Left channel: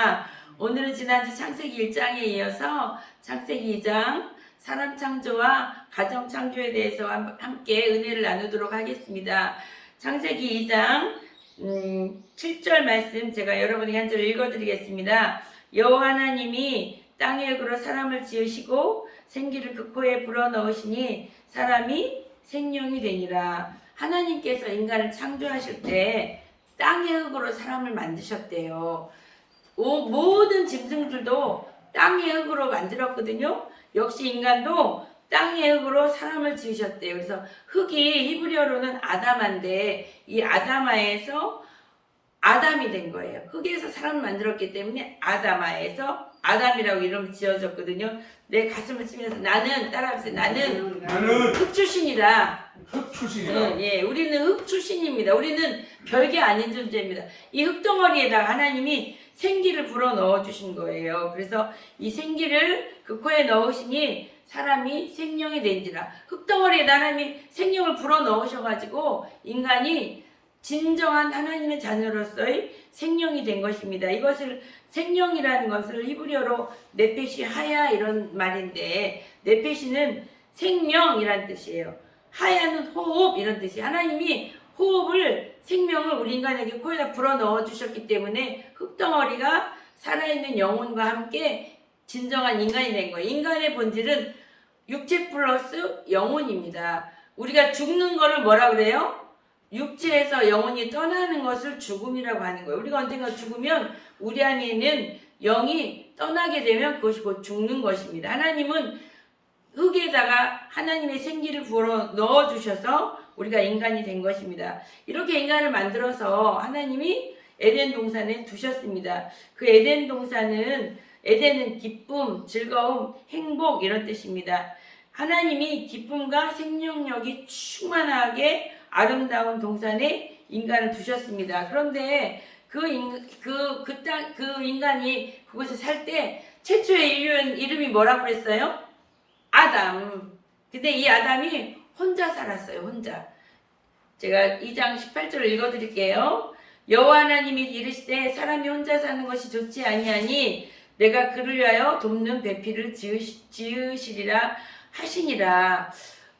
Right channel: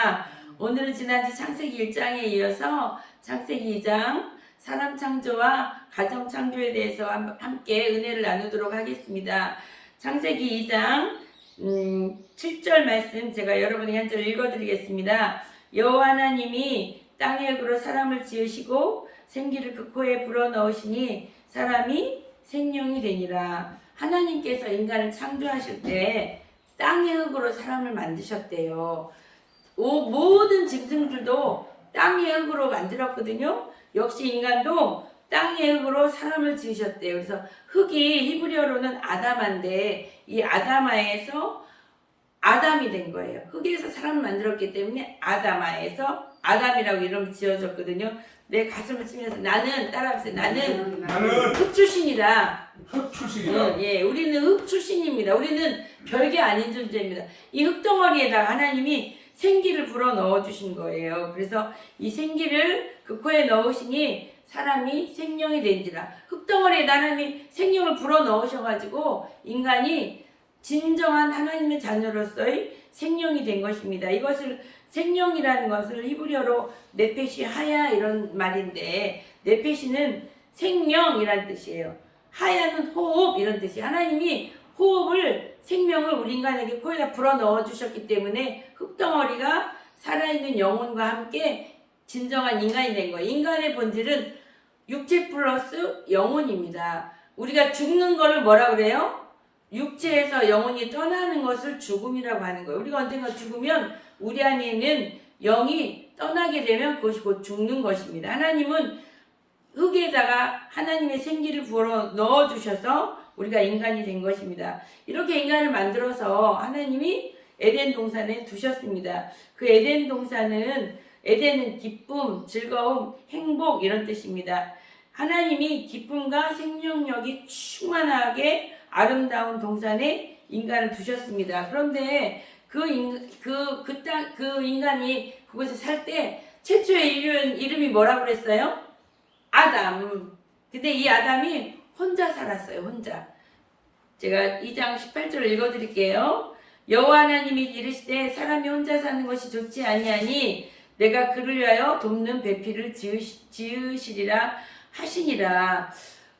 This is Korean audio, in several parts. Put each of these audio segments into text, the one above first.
반갑습니다. 오늘은 지난주 창세기 1장에 이어서 창세기 2장 사람 창조와 가정 창조에 대해서 함께 은혜를 나누도록 하겠습니다. 창세기 2장 7절 말씀 제가 여러분에게 한 절 읽어드리겠습니다. 여호와 하나님이 땅의 흙으로 사람을 지으시고 생기를 그 코에 불어넣으시니 사람이 생명이 되니라. 하나님께서 인간을 창조하실 때 땅의 흙으로 사람을 만드셨대요. 모든 짐승들도 땅의 흙으로 만들었거든요. 역시 인간도 땅의 흙으로 사람을 지으셨대요. 그래서 흙이 히브리어로는 아담한데 이 아담아에서 아담이 된 거예요. 흙에서 사람을 만들었기 때문에 아담아에서 아담이라고 이름 지어졌거든요. 내 가슴을 치면서 나는 따라하세요. 나는 흙 출신이다. 흙 출신이다. 예, 우리는 흙 출신입니다. 우리는 별게 아닌 존재입니다. 이 흙덩어리에다가 하나님이 생기를 불어 넣어 주신 거예요. 그래서 이 생기를 그 코에 넣으시니 사람이 생명이 된지라. 흙덩어리에다 하나님이 생명을 불어 넣으셔가지고 인간이 진정한 하나님의 자녀로서의 생명이 된 것입니다. 이것을 생명이라는 것을 히브리어로 네페시 하야 이런 말인데, 네페시는 생명이란 뜻이에요. 하야는 호흡 이런 뜻이에요. 하나님이 호흡을, 생명을 우리 인간에게 코에다 불어 넣어 주셨기 때문에 흙덩어리가 살아있는 영혼과 함께 진정한 인간이 된 거예요. 인간의 본질은 육체 플러스 영혼입니다. 우리가 죽는 거를 뭐라 그래요? 육체에서 영혼이 떠나는 것을 죽음이라고 하는 거예요. 우리가 언젠가 죽으면 우리 안에 있는 영이 떠나게 되면 그것이 곧 죽는 것입니다. 하나님은 흙에다가 하나님의 생기를 부어 넣어주셔서 우리가 인간이 된 것입니다. 이렇게 인간을 만들어서 하나님이 에덴 동산에 두셨습니다. 그 에덴 동산은, 에덴은 기쁨, 즐거움, 행복 이런 뜻입니다. 하나님이 기쁨과 생명력이 충만하게 아름다운 동산에 인간을 두셨습니다. 그런데 그 인간이 그곳에 살 때 최초의 이름이 뭐라고 그랬어요? 아담. 근데 이 아담이 혼자 살았어요. 혼자. 제가 2장 18절을 읽어드릴게요. 여호와 하나님이 이르시되 사람이 혼자 사는 것이 좋지 아니하니 내가 그를 위하여 돕는 배필을 지으시리라 하시니라.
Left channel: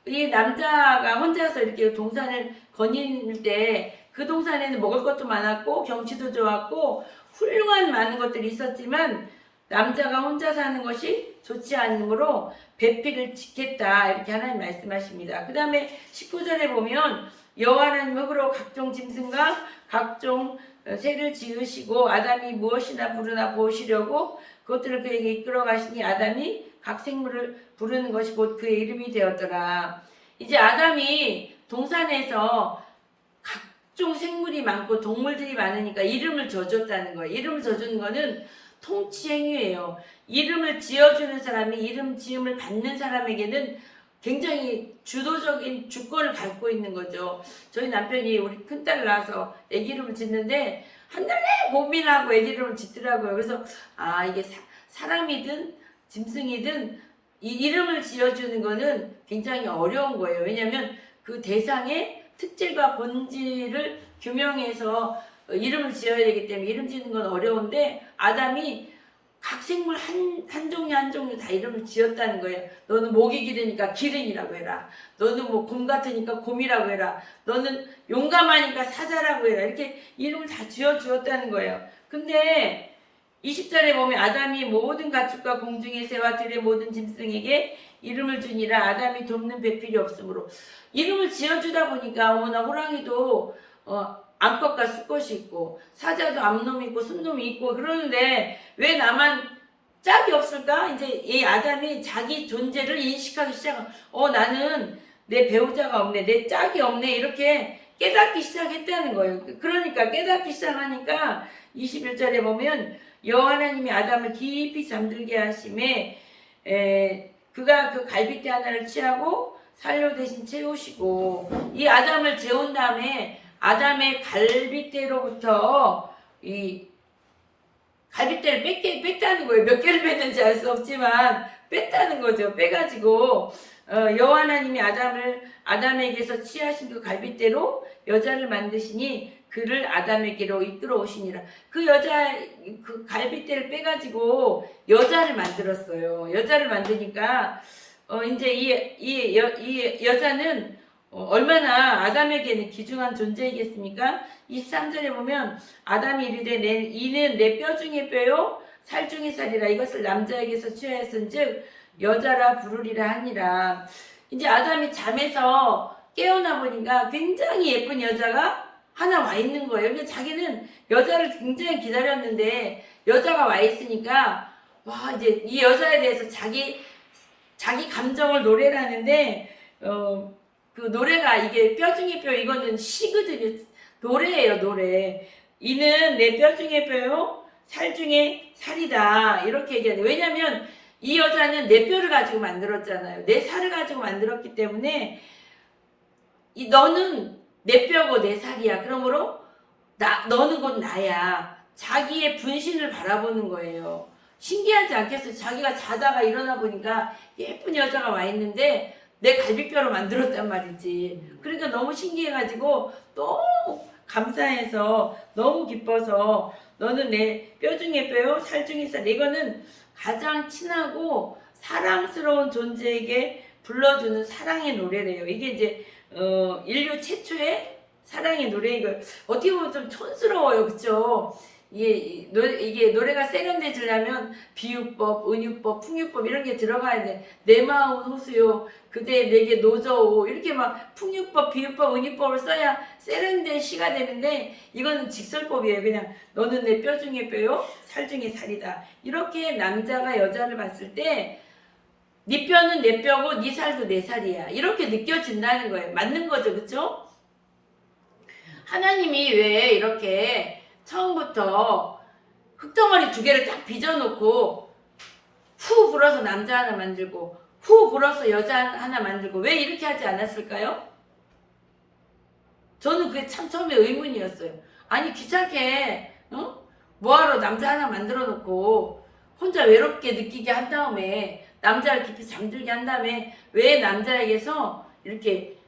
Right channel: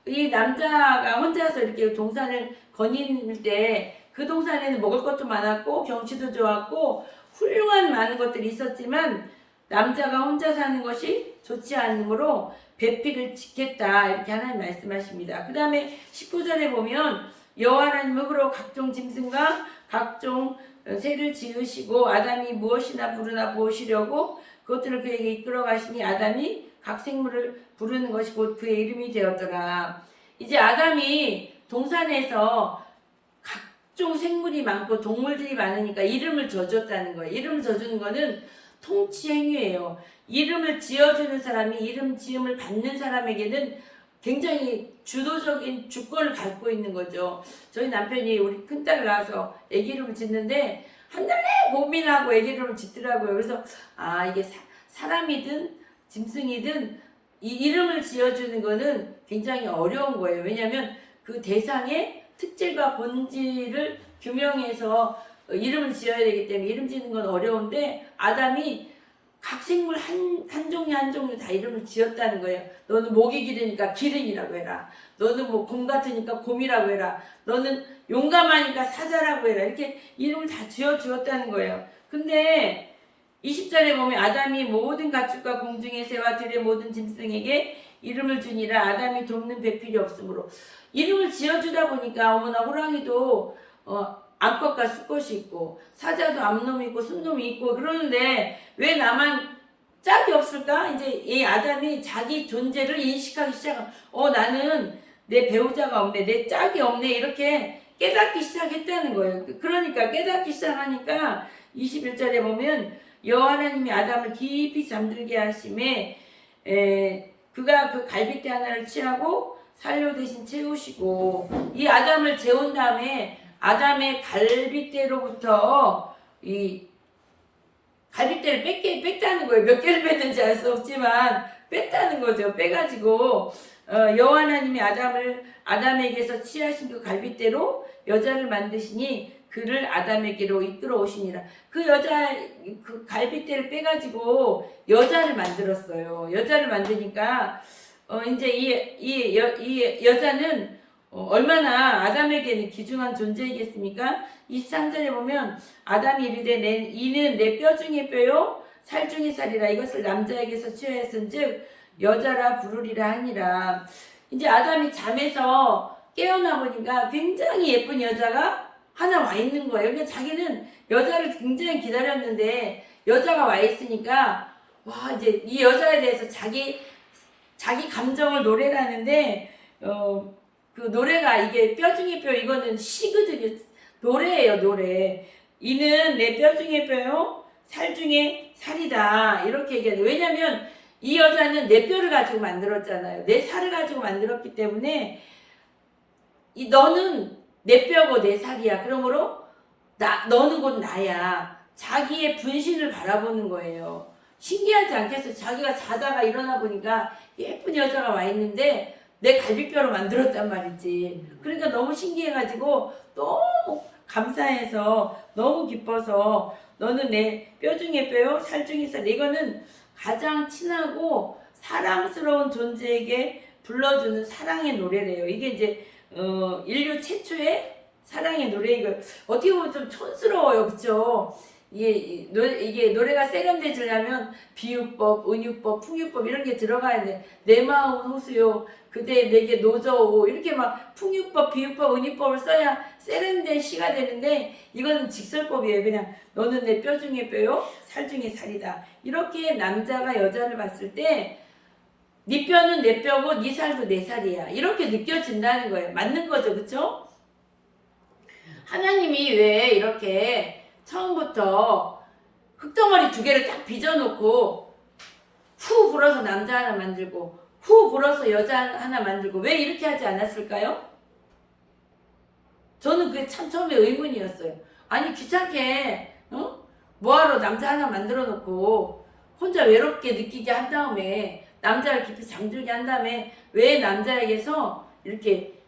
이 남자가 혼자서 이렇게 동산을 거닐 때 그 동산에는 먹을 것도 많았고 경치도 좋았고 훌륭한 많은 것들이 있었지만 남자가 혼자 사는 것이 좋지 않으므로 배필을 짓겠다 이렇게 하나님 말씀하십니다. 그 다음에 19절에 보면 여호와 하나님 흙으로 각종 짐승과 각종 새를 지으시고 아담이 무엇이나 부르나 보시려고 그것들을 그에게 이끌어 가시니 아담이 각 생물을 부르는 것이 곧 그의 이름이 되었더라. 이제 아담이 동산에서 각종 생물이 많고 동물들이 많으니까 이름을 져줬다는 거예요. 이름을 져주는 거는 통치행위예요. 이름을 지어주는 사람이 이름 지음을 받는 사람에게는 굉장히 주도적인 주권을 갖고 있는 거죠. 저희 남편이 우리 큰딸 낳아서 애기 이름을 짓는데 한 달 내내 고민하고 애기 이름을 짓더라고요. 그래서 이게 사람이든 짐승이든 이 이름을 지어주는 거는 굉장히 어려운 거예요. 왜냐하면 그 대상의 특질과 본질을 규명해서 이름을 지어야 되기 때문에 이름 짓는 건 어려운데 아담이 각 생물 한 종류 한 종류 다 이름을 지었다는 거예요. 너는 목이 기르니까 기른이라고 해라. 너는 뭐 곰 같으니까 곰이라고 해라. 너는 용감하니까 사자라고 해라. 이렇게 이름을 다 지어주었다는 거예요. 근데 20절에 보면 아담이 모든 가축과 공중의 새와 들의 모든 짐승에게 이름을 주니라. 아담이 돕는 배필이 없으므로 이름을 지어주다 보니까 어머나 호랑이도 암컷과 수컷이 있고 사자도 암놈이 있고 순놈이 있고 그러는데 왜 나만 짝이 없을까? 이제 이 아담이 자기 존재를 인식하기 시작한 나는 내 배우자가 없네, 내 짝이 없네 이렇게 깨닫기 시작했다는 거예요. 그러니까 깨닫기 시작하니까 21절에 보면 여호와 하나님이 아담을 깊이 잠들게 하심에 그가 그 갈빗대 하나를 취하고 산료 대신 채우시고 이 아담을 재운 다음에 아담의 갈빗대로부터 이 갈빗대를 뺐다는 거예요. 몇 개를 뺐는지 알 수 없지만 뺐다는 거죠. 빼가지고 여호와 하나님이 아담에게서 취하신 그 갈빗대로 여자를 만드시니 그를 아담에게로 이끌어 오시니라. 그 여자 그 갈빗대를 빼가지고 여자를 만들었어요. 여자를 만드니까 이제 이 여자는 얼마나 아담에게는 귀중한 존재이겠습니까? 23절에 보면 아담이 이르되 이는 내 뼈 중에 뼈요 살 중에 살이라. 이것을 남자에게서 취하였은즉 여자라 부르리라 하니라. 이제 아담이 잠에서 깨어나 보니까 굉장히 예쁜 여자가 하나 와 있는 거예요. 그러니까 자기는 여자를 굉장히 기다렸는데 여자가 와 있으니까 와 이제 이 여자에 대해서 자기 감정을 노래를 하는데 그 노래가 이게 뼈 중에 뼈 이거는 시거든요. 노래예요, 노래. 이는 내 뼈 중에 뼈요 살 중에 살이다. 이렇게 얘기해요. 왜냐면 이 여자는 내 뼈를 가지고 만들었잖아요. 내 살을 가지고 만들었기 때문에 너는 내 뼈고 내 살이야. 그러므로 너는 곧 나야. 자기의 분신을 바라보는 거예요. 신기하지 않겠어요? 자기가 자다가 일어나 보니까 예쁜 여자가 와 있는데 내 갈비뼈로 만들었단 말이지. 그러니까 너무 신기해가지고 너무 감사해서 너무 기뻐서 너는 내 뼈 중에 뼈요 살 중에 살. 이거는 가장 친하고 사랑스러운 존재에게 불러주는 사랑의 노래래요. 이게 이제 인류 최초의 사랑의 노래. 이거 어떻게 보면 좀 촌스러워요, 그렇죠? 이게 노래가 세련되지려면 비유법, 은유법, 풍유법 이런 게 들어가야 돼. 내 마음은 호수요, 그대 내게 노저오. 이렇게 막 풍유법, 비유법, 은유법을 써야 세련된 시가 되는데 이거는 직설법이에요. 그냥 너는 내 뼈 중에 뼈요, 살 중에 살이다. 이렇게 남자가 여자를 봤을 때 네 뼈는 내 뼈고 네 살도 내 살이야. 이렇게 느껴진다는 거예요. 맞는 거죠, 그렇죠? 하나님이 왜 이렇게 처음부터 흙덩어리 2개를 딱 빚어놓고 후 불어서 남자 하나 만들고 후 불어서 여자 하나 만들고 왜 이렇게 하지 않았을까요? 저는 그게 참 처음에 의문이었어요. 아니 귀찮게 뭐하러 남자 하나 만들어 놓고 혼자 외롭게 느끼게 한 다음에 남자를 깊이 잠들게 한 다음에 왜 남자에게서 이렇게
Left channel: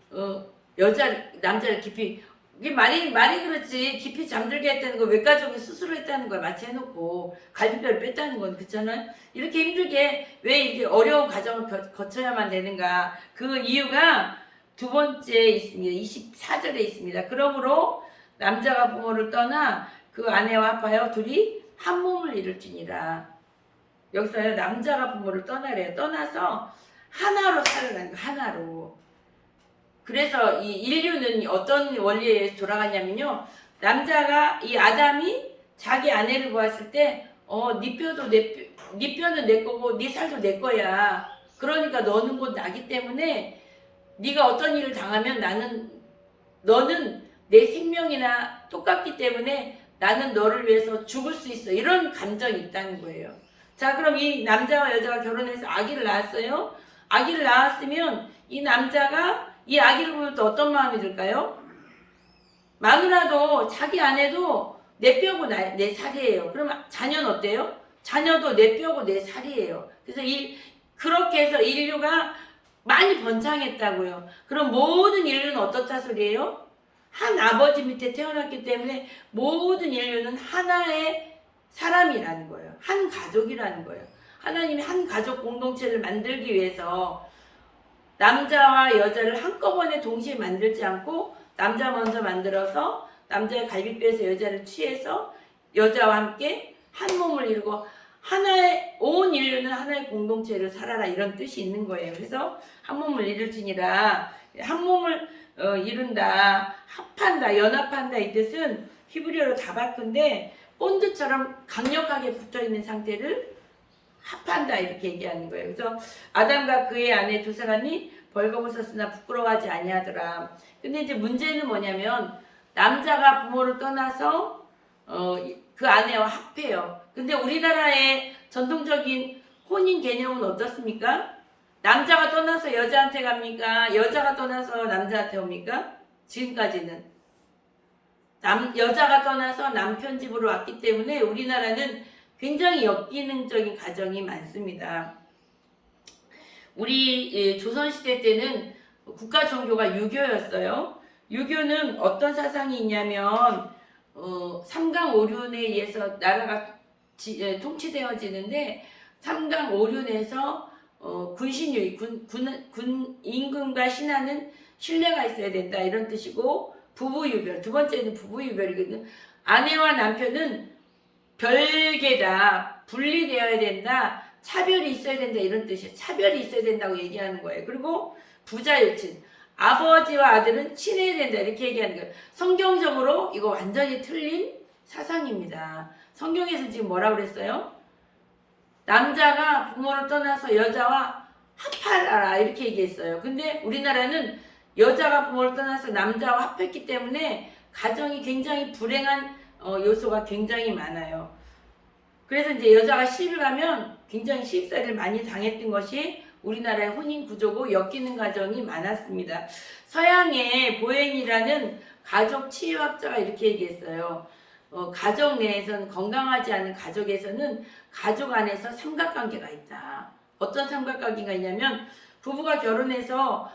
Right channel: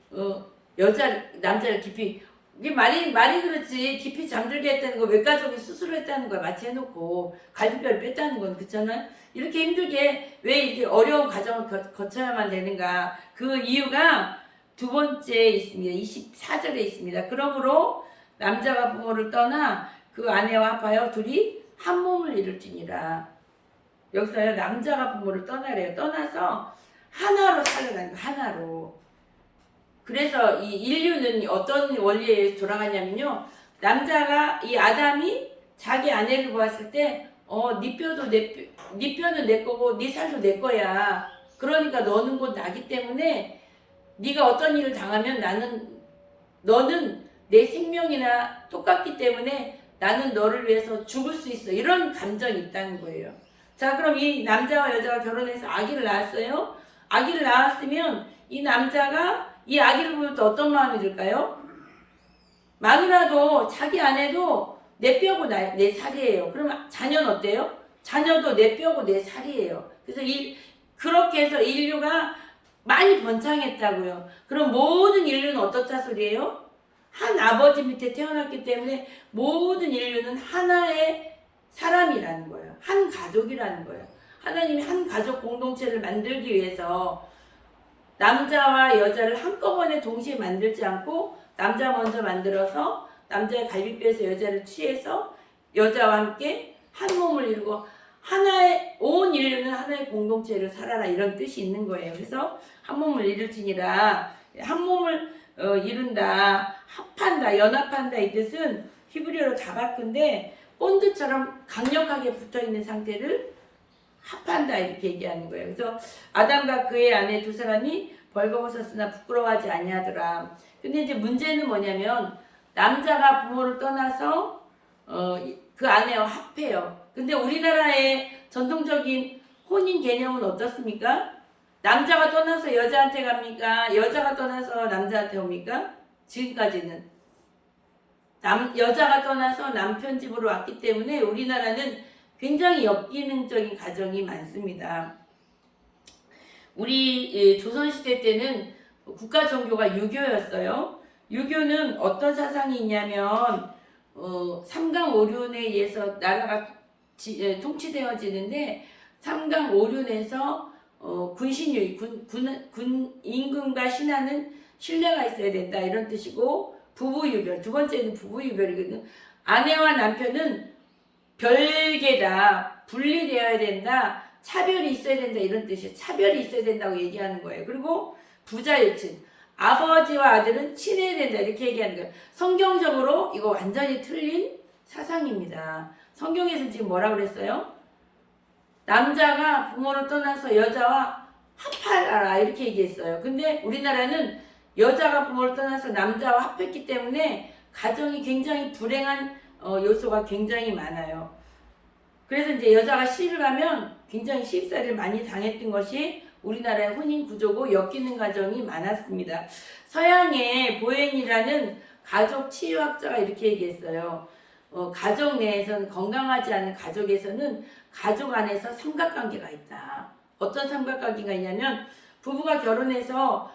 남자를 깊이 이게 말이 그렇지 깊이 잠들게 했다는 거 외가족이 스스로 했다는 거야. 마치 해놓고 갈비뼈를 뺐다는 건 그렇잖아요. 이렇게 힘들게 왜 이렇게 어려운 과정을 거쳐야만 되는가. 그 이유가 두 번째 있습니다. 24절에 있습니다. 그러므로 남자가 부모를 떠나 그 아내와 합하여 둘이 한 몸을 이룰지니라. 여기서요 남자가 부모를 떠나래요. 떠나서 하나로 살아가는 거. 하나로. 그래서 이 인류는 어떤 원리에 돌아가냐면요. 남자가 이 아담이 자기 아내를 보았을 때 네 뼈는 내 거고 네 살도 내 거야. 그러니까 너는 곧 나기 때문에 네가 어떤 일을 당하면 너는 내 생명이나 똑같기 때문에 나는 너를 위해서 죽을 수 있어. 이런 감정이 있다는 거예요. 자, 그럼 이 남자와 여자가 결혼해서 아기를 낳았어요. 아기를 낳았으면 이 남자가 이 아기를 보면 또 어떤 마음이 들까요? 마누라도 자기 아내도 내 뼈고 내 살이에요. 그럼 자녀는 어때요? 자녀도 내 뼈고 내 살이에요. 그래서 그렇게 해서 인류가 많이 번창했다고요. 그럼 모든 인류는 어떻다 소리예요? 한 아버지 밑에 태어났기 때문에 모든 인류는 하나의 사람이라는 거예요. 한 가족이라는 거예요. 하나님이 한 가족 공동체를 만들기 위해서 남자와 여자를 한꺼번에 동시에 만들지 않고 남자 먼저 만들어서 남자의 갈비뼈에서 여자를 취해서 여자와 함께 한 몸을 이루고 온 인류는 하나의 공동체를 살아라 이런 뜻이 있는 거예요. 그래서 한 몸을 이룰지니라. 한 몸을 이룬다, 합한다, 연합한다 이 뜻은 히브리어로 다바크인데 본드처럼 강력하게 붙어있는 상태를 합한다 이렇게 얘기하는 거예요. 그래서 아담과 그의 아내 두 사람이 벌거벗었으나 부끄러워하지 아니하더라. 근데 이제 문제는 뭐냐면 남자가 부모를 떠나서 그 아내와 합해요. 근데 우리나라의 전통적인 혼인 개념은 어떻습니까? 남자가 떠나서 여자한테 갑니까? 여자가 떠나서 남자한테 옵니까? 지금까지는 여자가 떠나서 남편 집으로 왔기 때문에 우리나라는 굉장히 역기능적인 가정이 많습니다. 우리 조선시대 때는 국가 종교가 유교였어요. 유교는 어떤 사상이 있냐면 삼강오륜에 의해서 나라가 통치되어지는데 삼강오륜에서 군신유의 군 임금과 신하는 신뢰가 있어야 된다 이런 뜻이고 부부유별 두 번째는 부부유별이거든. 아내와 남편은 별개다 분리되어야 된다 차별이 있어야 된다 이런 뜻이에요. 차별이 있어야 된다고 얘기하는 거예요. 그리고 부자유친 아버지와 아들은 친해야 된다 이렇게 얘기하는 거예요. 성경적으로 이거 완전히 틀린 사상입니다. 성경에서 지금 뭐라고 그랬어요? 남자가 부모를 떠나서 여자와 합하라 이렇게 얘기했어요. 근데 우리나라는 여자가 부모를 떠나서 남자와 합했기 때문에 가정이 굉장히 불행한 요소가 굉장히 많아요. 그래서 이제 여자가 시집을 가면 굉장히 시집살이를 많이 당했던 것이 우리나라의 혼인 구조고 엮이는 가정이 많았습니다. 서양의 보웬이라는 가족 치유학자가 이렇게 얘기했어요. 가족 내에서는 건강하지 않은 가족에서는 가족 안에서 삼각관계가 있다. 어떤 삼각관계가 있냐면 부부가 결혼해서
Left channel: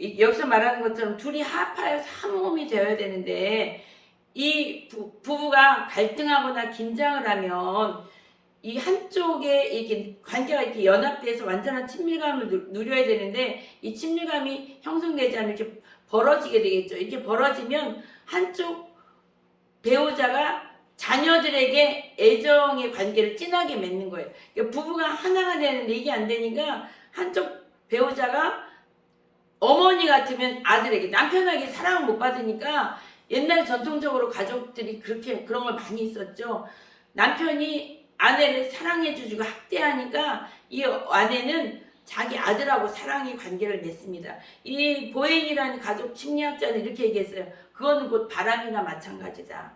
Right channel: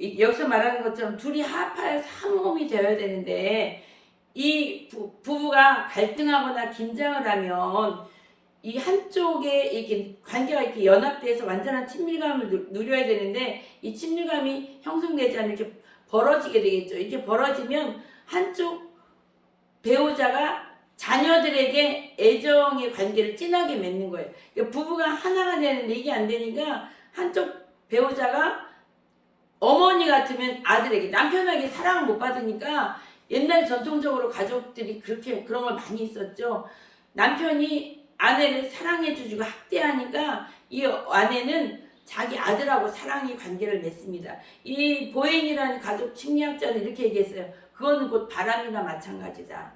여기서 말하는 것처럼 둘이 합하여서 한 몸이 되어야 되는데 이 부부가 갈등하거나 긴장을 하면 이 한쪽에 이렇게 관계가 이렇게 연합돼서 완전한 친밀감을 누려야 되는데 이 친밀감이 형성되지 않으면 이렇게 벌어지게 되겠죠. 이렇게 벌어지면 한쪽 배우자가 자녀들에게 애정의 관계를 진하게 맺는 거예요. 그러니까 부부가 하나가 되는데 이게 안 되니까 한쪽 배우자가 어머니 같으면 아들에게 남편에게 사랑을 못 받으니까 옛날 전통적으로 가족들이 그렇게 그런 걸 많이 있었죠. 남편이 아내를 사랑해주고 학대하니까 이 아내는 자기 아들하고 사랑의 관계를 맺습니다. 이 보행이라는 가족 심리학자는 이렇게 얘기했어요. 그거는 곧 바람이나 마찬가지다.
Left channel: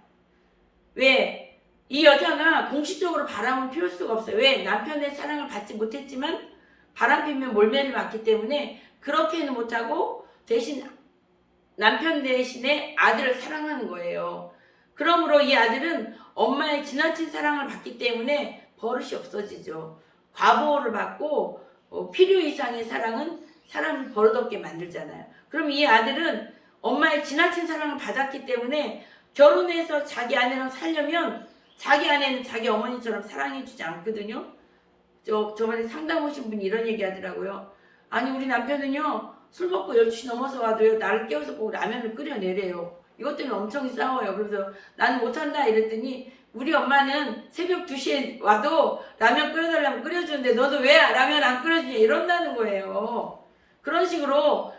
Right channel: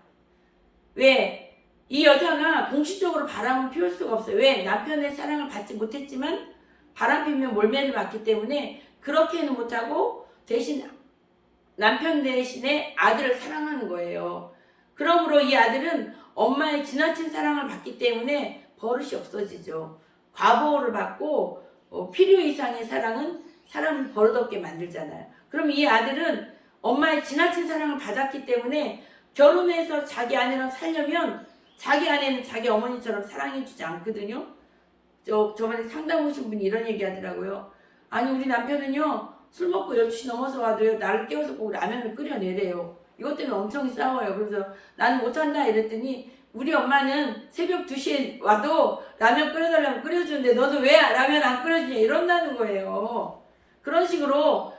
왜? 이 여자가 공식적으로 바람을 피울 수가 없어요. 왜? 남편의 사랑을 받지 못했지만 바람 피면 몰매를 맞기 때문에 그렇게는 못하고 대신 남편 대신에 아들을 사랑하는 거예요. 그러므로 이 아들은 엄마의 지나친 사랑을 받기 때문에 버릇이 없어지죠. 과보호를 받고 필요 이상의 사랑은 사람을 버릇없게 만들잖아요. 그럼 이 아들은 엄마의 지나친 사랑을 받았기 때문에 결혼해서 자기 아내랑 살려면 자기 아내는 자기 어머니처럼 사랑해주지 않거든요. 저번에 상담 오신 분이 이런 얘기 하더라고요. 아니 우리 남편은요 술 먹고 12시 넘어서 와도요 나를 깨워서 꼭 라면을 끓여내래요. 이것 때문에 엄청 싸워요. 그래서 나는 못한다 이랬더니 우리 엄마는 새벽 2시에 와도 라면 끓여달라면 끓여주는데 너도 왜 라면 안 끓여주냐 이런다는 거예요. 그런 식으로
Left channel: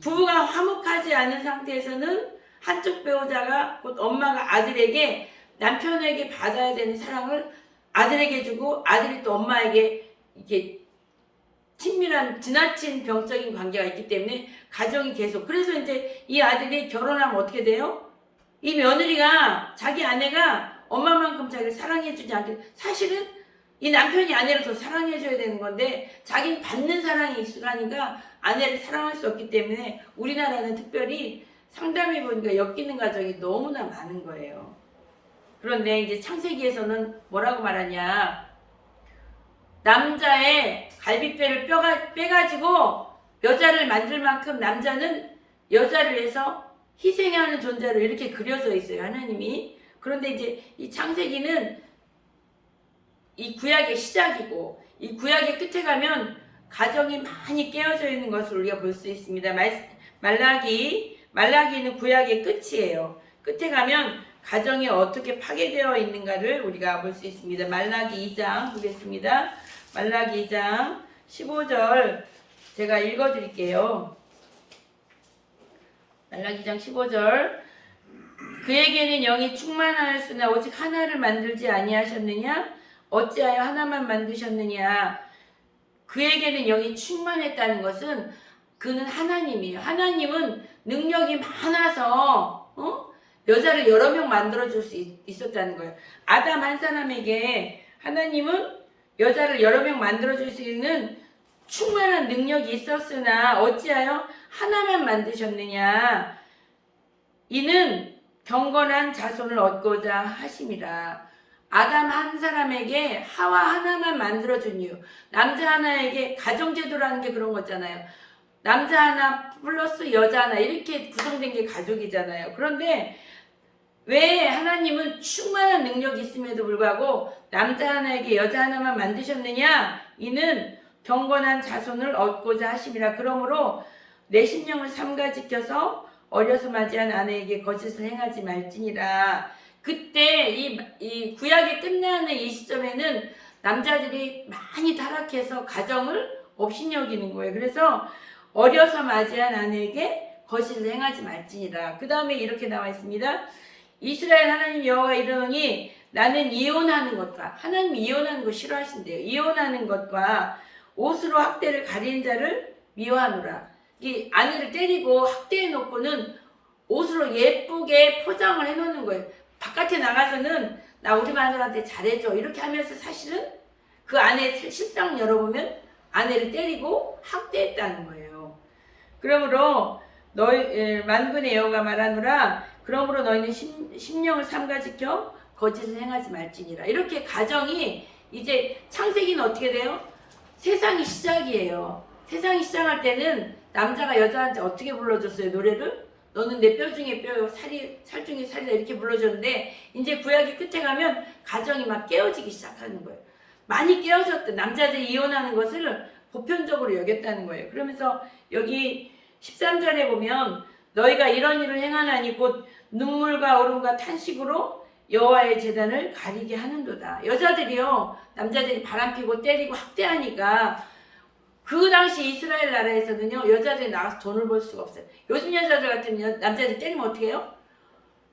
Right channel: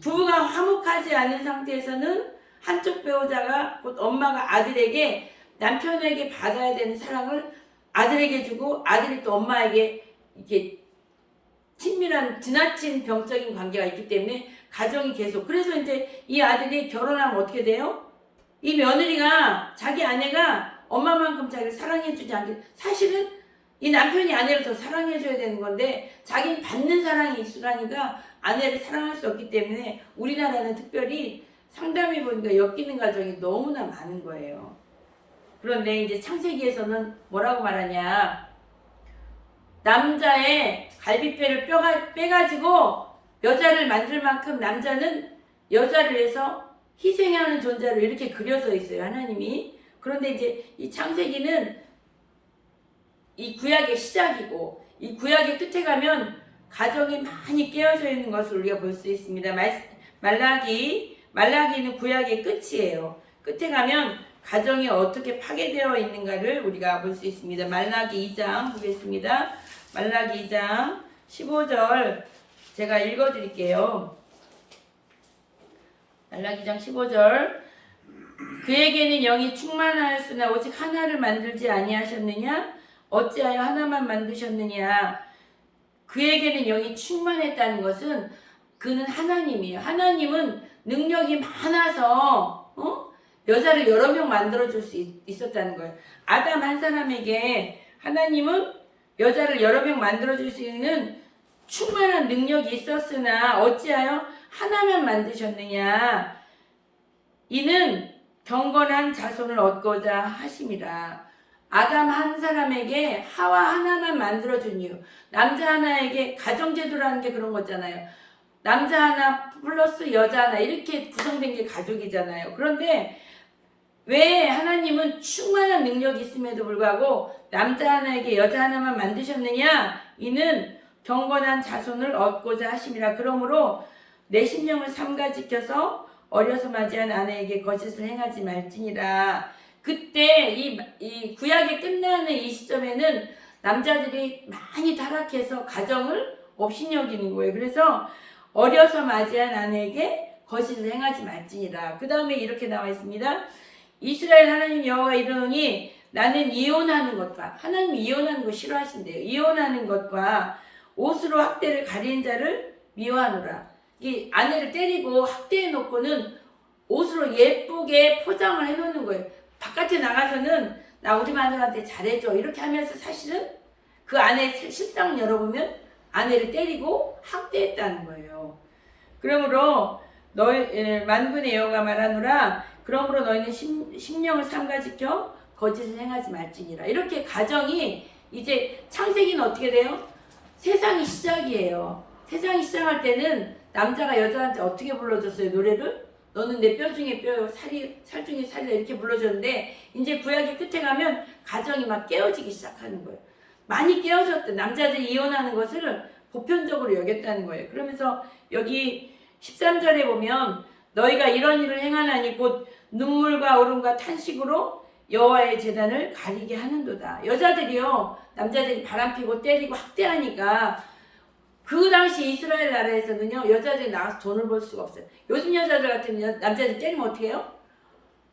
부부가 화목하지 않은 상태에서는 한쪽 배우자가 곧 엄마가 아들에게 남편에게 받아야 되는 사랑을 아들에게 주고 아들이 또 엄마에게 이렇게 친밀한 지나친 병적인 관계가 있기 때문에 가정이 계속 그래서 이제 이 아들이 결혼하면 어떻게 돼요? 이 며느리가 자기 아내가 엄마만큼 자기를 사랑해주지 않게 사실은 이 남편이 아내를 더 사랑해줘야 되는 건데 자기는 받는 사랑에 익숙하니까 아내를 사랑할 수 없기 때문에 우리나라는 특별히 상담해보니까 엮이는 가정이 너무나 많은 거예요. 그런데 이제 창세기에서는 뭐라고 말하냐 남자의 갈비뼈를 빼가지고 여자를 만들 만큼 남자는 여자를 위해서 희생하는 존재로 이렇게 그려져 있어요. 하나님이. 그런데 이제 이 창세기는 이 구약의 시작이고 이 구약의 끝에 가면 가정이 많이 깨어져 있는 것을 우리가 볼 수 있습니다. 말라기는 구약의 끝이에요. 끝에 가면 가정이 어떻게 파괴되어 있는가를 우리가 볼 수 있습니다. 말라기 2장 보겠습니다. 말라기 2장 15절 제가 읽어드릴게요. 말라기 2장 15절 그에게는 영이 충만하였으나 오직 하나를 만들지 아니하셨느냐? 어찌하여 하나만 만드셨느냐? 그에게는 영이 충만했다는 것은 그는 하나님이에요. 하나님은 능력이 많아서 여자를 여러 명 만들어줄 수 있었다는 거예요. 아담 한 사람에게 하나님은 여자를 여러 명 만들어줄 수 있는 충만한 능력이 있었으나 어찌하여 하나만 만드셨느냐? 이는 경건한 자손을 얻고자 하심이라. 아담 한 사람에게 하와 하나만 만들어준 이유. 남자 하나에게 가정제도라는 게 그런 거잖아요. 남자 하나 플러스 여자 하나 이렇게 구성된 게 가족이잖아요. 그런데 왜 하나님은 충만한 능력이 있음에도 불구하고 남자 하나에게 여자 하나만 만드셨느냐? 이는 경건한 자손을 얻고자 하심이라. 그러므로 내 심령을 삼가 지켜서 어려서 맞이한 아내에게 거짓을 행하지 말지니라. 그때 이 구약이 끝나는 이 시점에는 남자들이 많이 타락해서 가정을 업신여기는 거예요. 그래서 어려서 맞이한 아내에게 거짓을 행하지 말지니라. 그 다음에 이렇게 나와 있습니다. 이스라엘 하나님 여호와가 이르노니 나는 이혼하는 것과, 하나님이 이혼하는 거 싫어하신대요. 이혼하는 것과 옷으로 학대를 가리는 자를 미워하노라. 이 아내를 때리고 학대해 놓고는 옷으로 예쁘게 포장을 해 놓는 거예요. 바깥에 나가서는 나 우리 마누라한테 잘해줘 이렇게 하면서 사실은 그 아내의 실상을 열어보면 아내를 때리고 학대했다는 거예요. 그러므로 너희 만군의 여호와가 말하노라. 그러므로 너희는 심령을 삼가 지켜 거짓을 행하지 말지니라. 이렇게 가정이 이제 창세기는 어떻게 돼요? 세상이 시작이에요. 세상이 시작할 때는 남자가 여자한테 어떻게 불러줬어요? 노래를? 너는 내 뼈 중에 뼈요, 살 중에 살이다 이렇게 불러줬는데 이제 구약의 끝에 가면 가정이 막 깨어지기 시작하는 거예요. 많이 깨어졌던 남자들이 이혼하는 것을 보편적으로 여겼다는 거예요. 그러면서 여기 13절에 보면 너희가 이런 일을 행하나니 곧 눈물과 울음과 탄식으로 여호와의 제단을 가리게 하는도다. 여자들이요, 남자들이 바람피고 때리고 학대하니까 그 당시 이스라엘 나라에서는요, 여자들이 나가서 돈을 벌 수가 없어요. 요즘 여자들 같으면 남자들 때리면 어떻게 해요?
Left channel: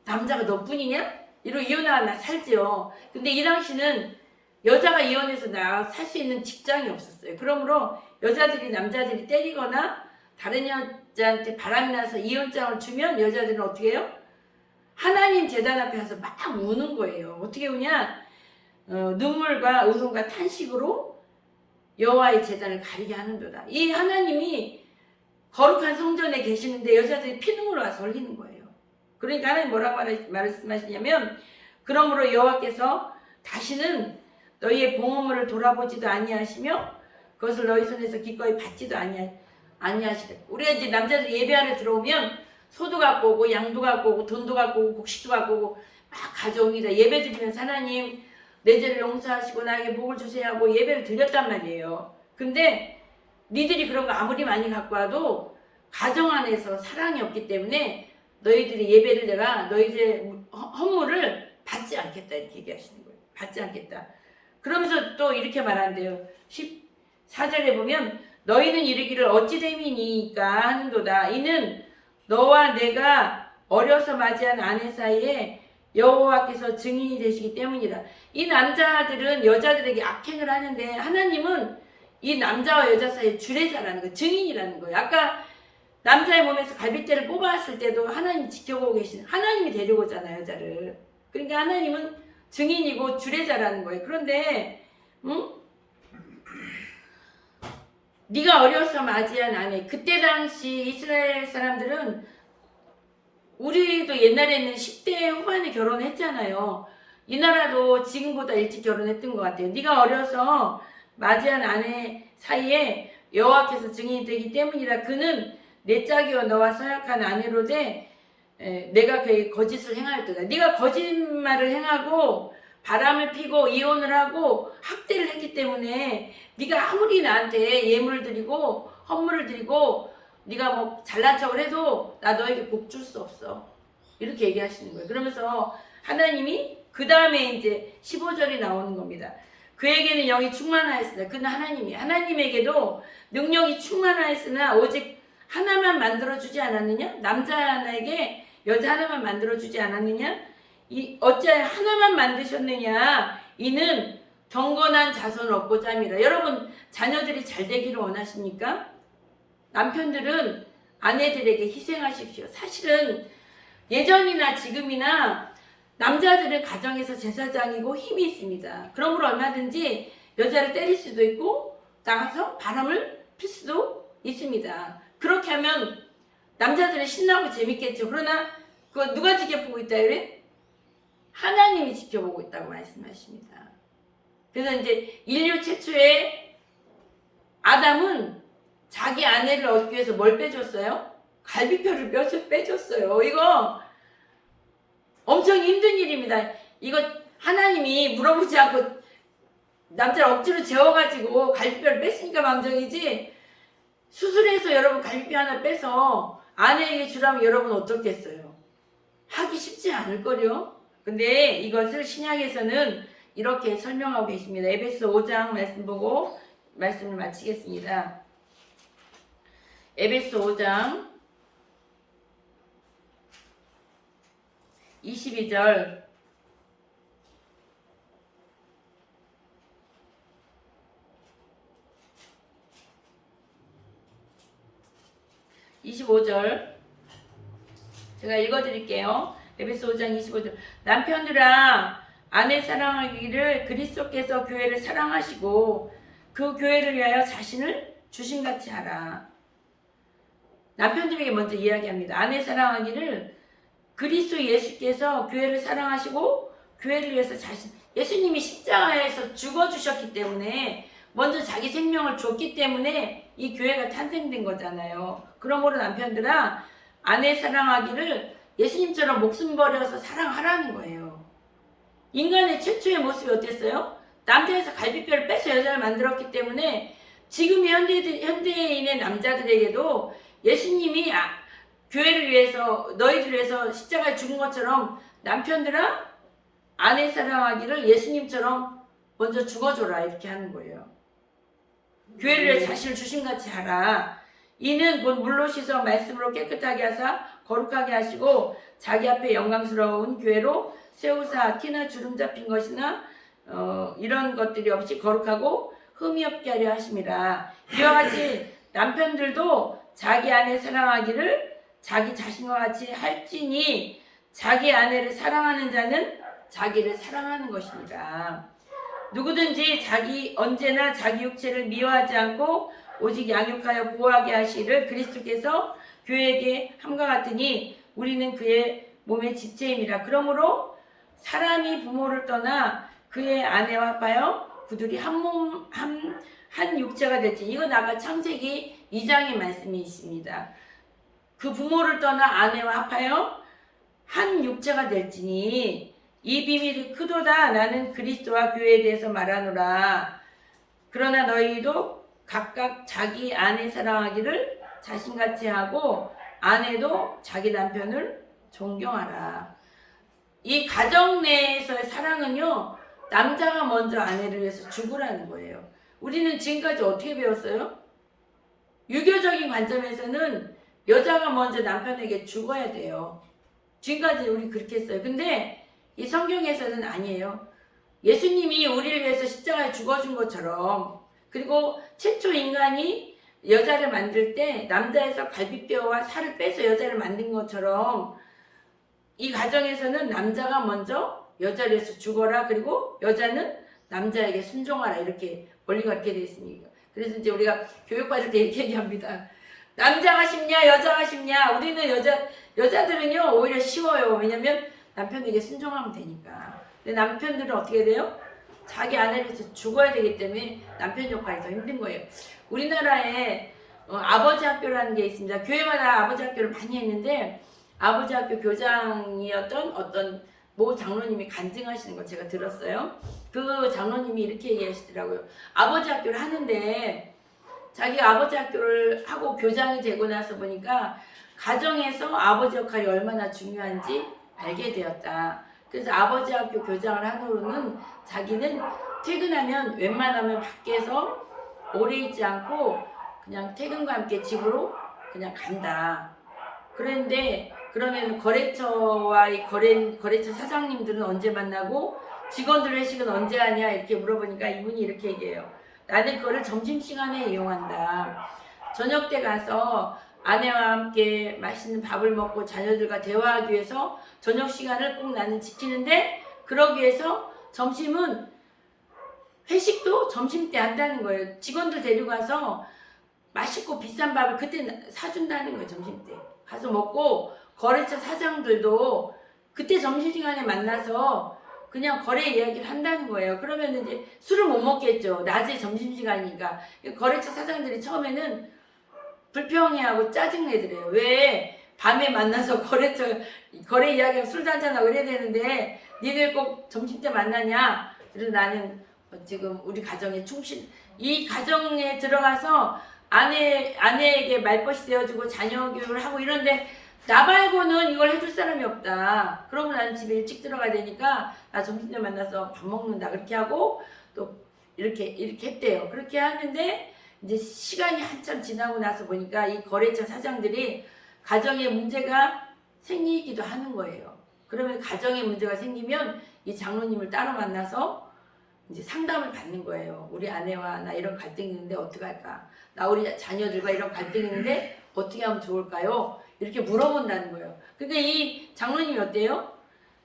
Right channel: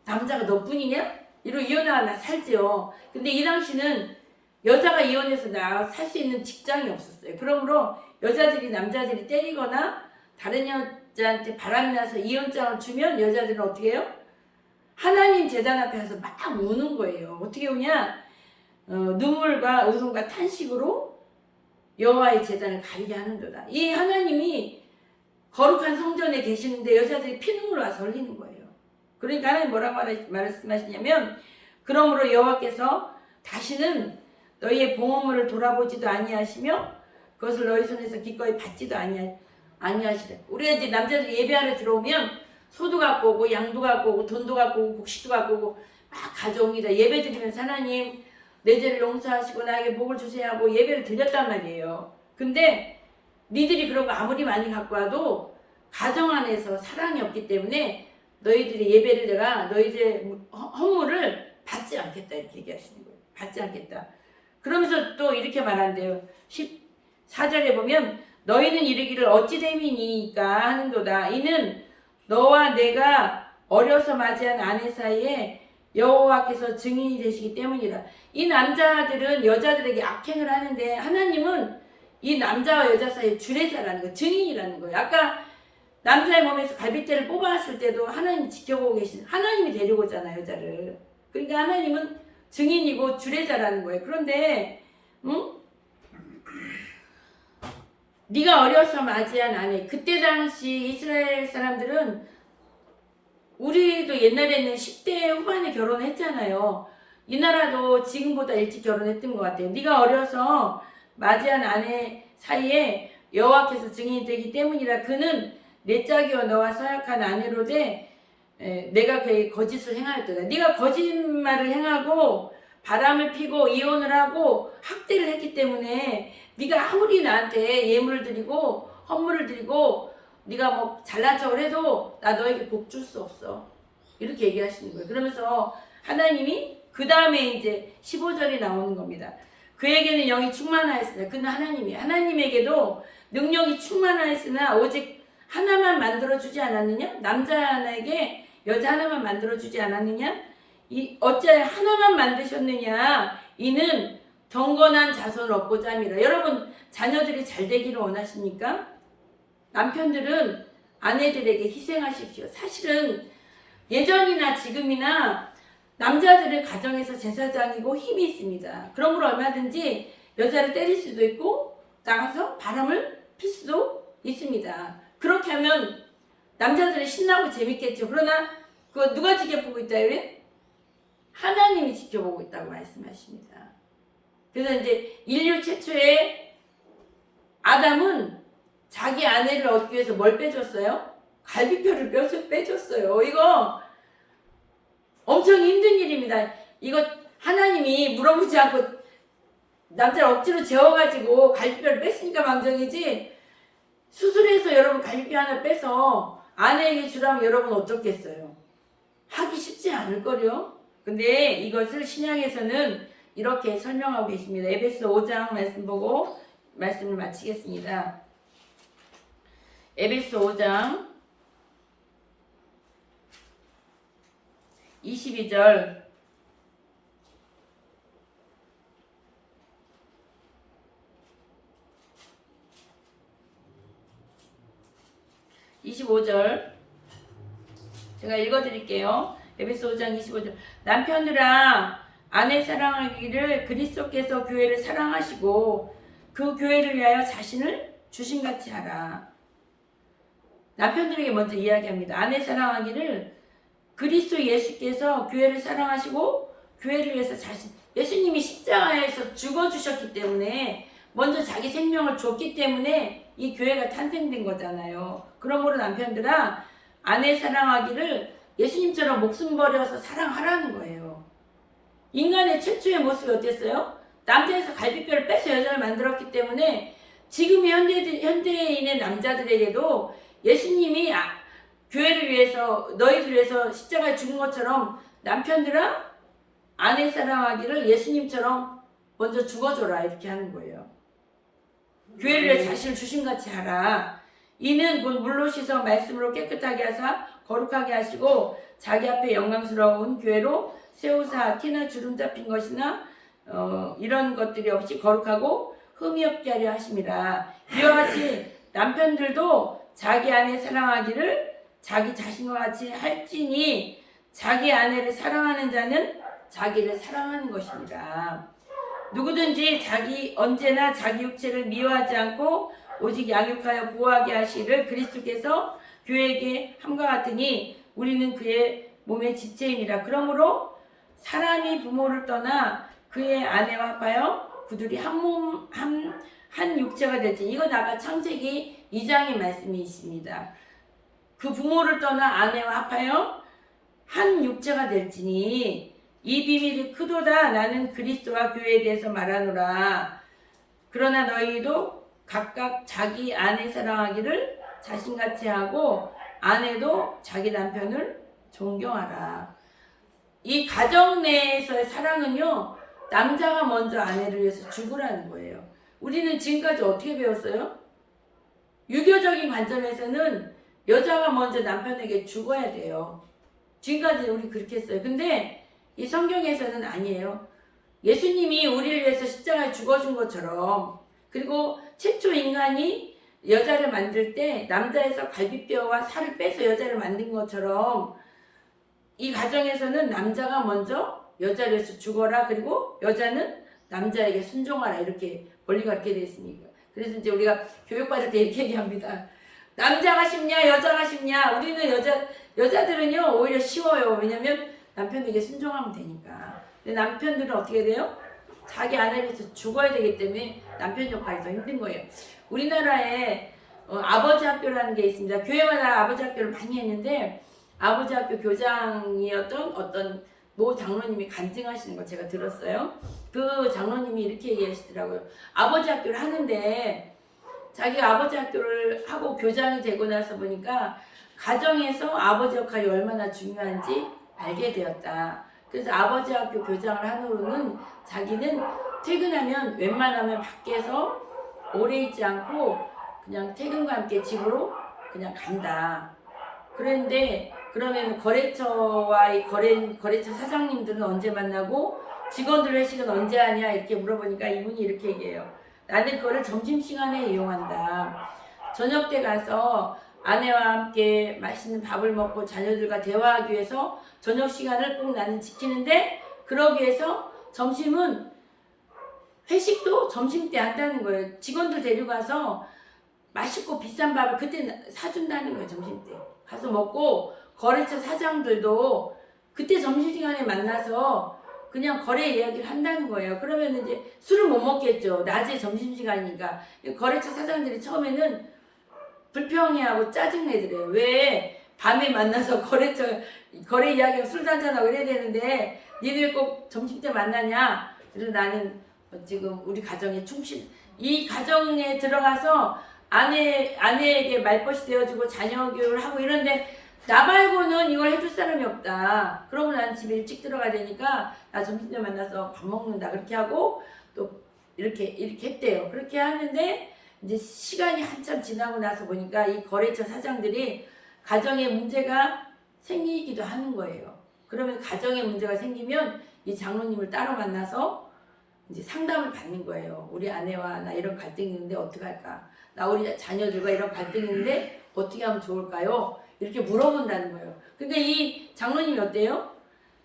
남자가 너뿐이냐? 이러고 이혼하고 나 살지요. 근데 이 당시는 여자가 이혼해서 나가서 살 수 있는 직장이 없었어요. 그러므로 여자들이 남자들이 때리거나 다른 여자한테 바람이 나서 이혼장을 주면 여자들은 어떻게 해요? 하나님 제단 앞에 가서 막 우는 거예요. 어떻게 우냐? 눈물과 울음과 탄식으로 여호와의 제단을 가리게 하는도다. 이 하나님이 거룩한 성전에 계시는데 여자들이 피눈물을 와서 흘리는 거예요. 그러니까 하나님 뭐라고 말씀하시냐면 그러므로 여호와께서 다시는 너희의 봉헌물을 돌아보지도 아니하시며 그것을 너희 손에서 기꺼이 받지도 아니하시되. 우리가 이제 남자들이 예배하러 들어오면 소도 갖고 오고 양도 갖고 오고 돈도 갖고 오고 곡식도 갖고 오고 막 가져옵니다. 예배 드리면서 하나님 내 죄를 용서하시고 나에게 복을 주세요 하고 예배를 드렸단 말이에요. 근데 니들이 그런 거 아무리 많이 갖고 와도 가정 안에서 사랑이 없기 때문에 너희들의 예배를 내가 너희들의 헌물을 받지 않겠다 이렇게 얘기하시는 거예요. 받지 않겠다. 그러면서 또 이렇게 말한대요. 14절에 보면 너희는 이르기를 어찌 됨이니까 하는도다. 이는 너와 내가 어려서 맞이한 아내 사이에 여호와께서 증인이 되시기 때문이라. 이 남자들은 여자들에게 악행을 하는데 하나님은 이 남자와 여자 사이에 주례자라는 거예요. 증인이라는 거예요. 아까 남자의 몸에서 갈빗대를 뽑아왔을 때도 하나님이 지켜보고 계신, 하나님이 데리고 오잖아요, 여자를. 그러니까 하나님은 증인이고 주례자라는 거예요. 그런데 네가 어려서 맞이한 아내, 그때 당시 이스라엘 사람들은 우리도 옛날에는 10대 후반에 결혼했잖아요. 이 나라도 지금보다 일찍 결혼했던 것 같아요. 네가 어려서 맞이한 아내 사이에 여호와께서 증인이 되기 때문이라. 그는 내 짝이요 너와 사역한 아내로 돼 내가 그에게 거짓을 행하였도다. 네가 거짓말을 행하고 바람을 피고 이혼을 하고 학대를 했기 때문에 네가 아무리 나한테 예물을 드리고 헌물을 드리고 네가 뭐 잘난 척을 해도 나 너에게 복 줄 수 없어. 이렇게 얘기하시는 거예요. 그러면서 하나님이 그 다음에 이제 15절이 나오는 겁니다. 그에게는 영이 충만하였으나, 그는 하나님에게도 능력이 충만하였으나 오직 하나만 만들어주지 않았느냐? 남자 하나에게 여자 하나만 만들어주지 않았느냐? 어찌하여 하나만 만드셨느냐? 이는 경건한 자손을 얻고자 함이라. 여러분 자녀들이 잘 되기를 원하십니까? 남편들은 아내들에게 희생하십시오. 사실은 예전이나 지금이나 남자들은 가정에서 제사장이고 힘이 있습니다. 그러므로 얼마든지 여자를 때릴 수도 있고 나가서 바람을 필 수도 있습니다. 그렇게 하면 남자들은 신나고 재밌겠죠. 그러나 그거 누가 지켜보고 있다 그래? 하나님이 지켜보고 있다고 말씀하십니다. 그래서 이제 인류 최초의 아담은 자기 아내를 얻기 위해서 뭘 빼줬어요? 갈비뼈를 빼줬어요. 이거 엄청 힘든 일입니다. 이거 하나님이 물어보지 않고 남자를 억지로 재워가지고 갈비뼈를 뺐으니까 망정이지, 수술해서 여러분 갈비뼈 하나 빼서 아내에게 주라면 여러분 어떻겠어요? 하기 쉽지 않을걸요? 근데 이것을 신약에서는 이렇게 설명하고 계십니다. 에베소 5장 말씀 보고 말씀을 마치겠습니다. 에베소 5장 22절 25절 제가 읽어드릴게요. 에베소 5장 25절. 남편들아, 아내 사랑하기를 그리스도께서 교회를 사랑하시고 그 교회를 위하여 자신을 주심같이 하라. 남편들에게 먼저 이야기합니다. 아내 사랑하기를 그리스도 예수께서 교회를 사랑하시고 교회를 위해서 예수님이 십자가에서 죽어주셨기 때문에, 먼저 자기 생명을 줬기 때문에 이 교회가 탄생된 거잖아요. 그러므로 남편들아, 아내 사랑하기를 예수님처럼 목숨 버려서 사랑하라는 거예요. 인간의 최초의 모습이 어땠어요? 남자에서 갈비뼈를 빼서 여자를 만들었기 때문에 지금의 현대인의 남자들에게도 예수님이 교회를 위해서, 너희를 위해서 십자가에 죽은 것처럼 남편들아, 아내 사랑하기를 예수님처럼 먼저 죽어줘라, 이렇게 하는 거예요. 교회를 위해 자신을 주심같이 하라. 이는 곧 물로 씻어 말씀으로 깨끗하게 하사 거룩하게 하시고 자기 앞에 영광스러운 교회로 세우사 티나 주름 잡힌 것이나 이런 것들이 없이 거룩하고 흠이 없게 하려 하심이라. 이와 같이 남편들도 자기 아내 사랑하기를 자기 자신과 같이 할지니 자기 아내를 사랑하는 자는 자기를 사랑하는 것이니라. 누구든지 언제나 자기 육체를 미워하지 않고 오직 양육하여 보호하게 하시를 그리스도께서 교회에게 함과 같으니 우리는 그의 몸의 지체임이라. 그러므로 사람이 부모를 떠나 그의 아내와 합하여 그들이 한 육체가 될지. 이건 아까 창세기 2장의 말씀이십니다. 그 부모를 떠나 아내와 합하여 한 육체가 될지니 이 비밀이 크도다. 나는 그리스도와 교회에 대해서 말하노라. 그러나 너희도 각각 자기 아내 사랑하기를 자신같이 하고 아내도 자기 남편을 존경하라. 이 가정 내에서의 사랑은요, 남자가 먼저 아내를 위해서 죽으라는 거예요. 우리는 지금까지 어떻게 배웠어요? 유교적인 관점에서는 여자가 먼저 남편에게 죽어야 돼요. 지금까지 우리 그렇게 했어요. 근데 이 성경에서는 아니에요. 예수님이 우리를 위해서 십자가에 죽어준 것처럼, 그리고 최초 인간이 여자를 만들 때 남자에서 갈비뼈와 살을 빼서 여자를 만든 것처럼 이 가정에서는 남자가 먼저 여자를 위해서 죽어라, 그리고 여자는 남자에게 순종하라, 이렇게 원리가 이렇게 되어 있습니다. 그래서 이제 우리가 교육받을 때 이렇게 얘기합니다. 남자가 쉽냐 여자가 쉽냐. 우리는 여자들은요 오히려 쉬워요. 왜냐면 남편에게 순종하면 되니까. 근데 남편들은 어떻게 돼요? 자기 아내를 위해서 죽어야 되기 때문에 남편 역할이 더 힘든 거예요. 우리나라에 아버지 학교라는 게 있습니다. 교회마다 아버지 학교를 많이 했는데, 아버지 학교 교장이었던 어떤 모 장로님이 간증하시는 걸 제가 들었어요. 그 장로님이 이렇게 얘기하시더라고요. 아버지 학교를 하는데 자기가 아버지 학교를 하고 교장이 되고 나서 보니까 가정에서 아버지 역할이 얼마나 중요한지 알게 되었다. 그래서 아버지 학교 교장을 한 후로는 자기는 퇴근하면 웬만하면 밖에서 오래 있지 않고 그냥 퇴근과 함께 집으로 그냥 간다. 그런데 그러면 거래처와의 거래처 사장님들은 언제 만나고 직원들 회식은 언제 하냐 이렇게 물어보니까 이분이 이렇게 얘기해요. 나는 그거를 점심시간에 이용한다. 저녁 때 가서 아내와 함께 맛있는 밥을 먹고 자녀들과 대화하기 위해서 저녁 시간을 꼭 나는 지키는데, 그러기 위해서 점심은 회식도 점심 때 한다는 거예요. 직원들 데리고 가서 맛있고 비싼 밥을 그때 사준다는 거예요. 점심 때 가서 먹고, 거래처 사장들도 그때 점심시간에 만나서 그냥 거래 이야기를 한다는 거예요. 그러면 이제 술을 못 먹겠죠. 낮에 점심시간이니까. 거래처 사장들이 처음에는 불평해하고 짜증내더래요. 왜 밤에 만나서 거래 이야기하고 술도 한잔하고 이래야 되는데 니들 꼭 점심때 만나냐? 그래서 나는 지금 우리 가정에 이 가정에 들어가서 아내에게 말벗이 되어주고 자녀 교육을 하고 이런데 나 말고는 이걸 해줄 사람이 없다. 그러고 난 집에 일찍 들어가야 되니까 나 점심때 만나서 밥 먹는다. 그렇게 하고 또 이렇게 했대요. 그렇게 하는데 이제 시간이 한참 지나고 나서 보니까 이 거래처 사장들이 가정에 문제가 생기기도 하는 거예요. 그러면 가정에 문제가 생기면 이 장로님을 따로 만나서 이제 상담을 받는 거예요. 우리 아내와 나 이런 갈등이 있는데 어떻게 할까? 나 우리 자녀들과 이런 갈등이 있는데 어떻게 하면 좋을까요? 이렇게 물어본다는 거예요. 근데 이 장로님이 어때요?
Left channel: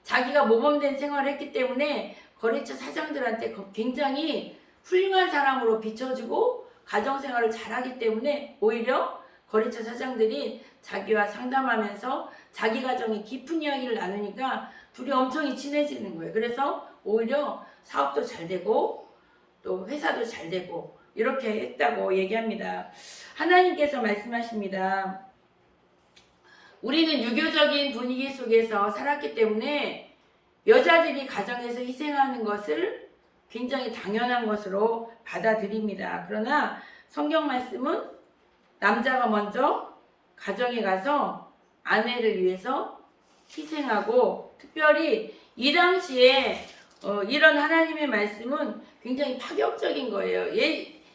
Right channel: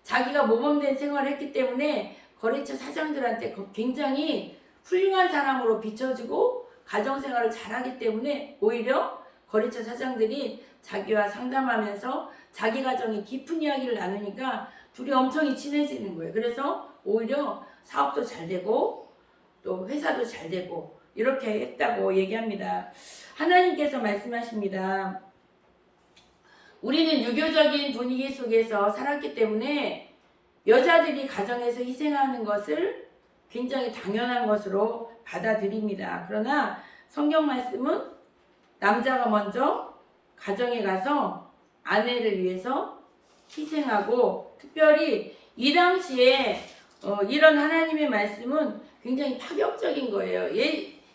자기가 모범된 생활을 했기 때문에 거래처 사장들한테 굉장히 훌륭한 사람으로 비춰지고 가정생활을 잘하기 때문에 오히려 거래처 사장들이 자기와 상담하면서 자기 가정의 깊은 이야기를 나누니까 둘이 엄청 친해지는 거예요. 그래서 오히려 사업도 잘 되고 또 회사도 잘 되고 이렇게 했다고 얘기합니다. 하나님께서 말씀하십니다. 우리는 유교적인 분위기 속에서 살았기 때문에 여자들이 가정에서 희생하는 것을 굉장히 당연한 것으로 받아들입니다. 그러나 성경 말씀은 남자가 먼저 가정에 가서 아내를 위해서 희생하고 특별히 이 당시에 이런 하나님의 말씀은 굉장히 파격적인 거예요.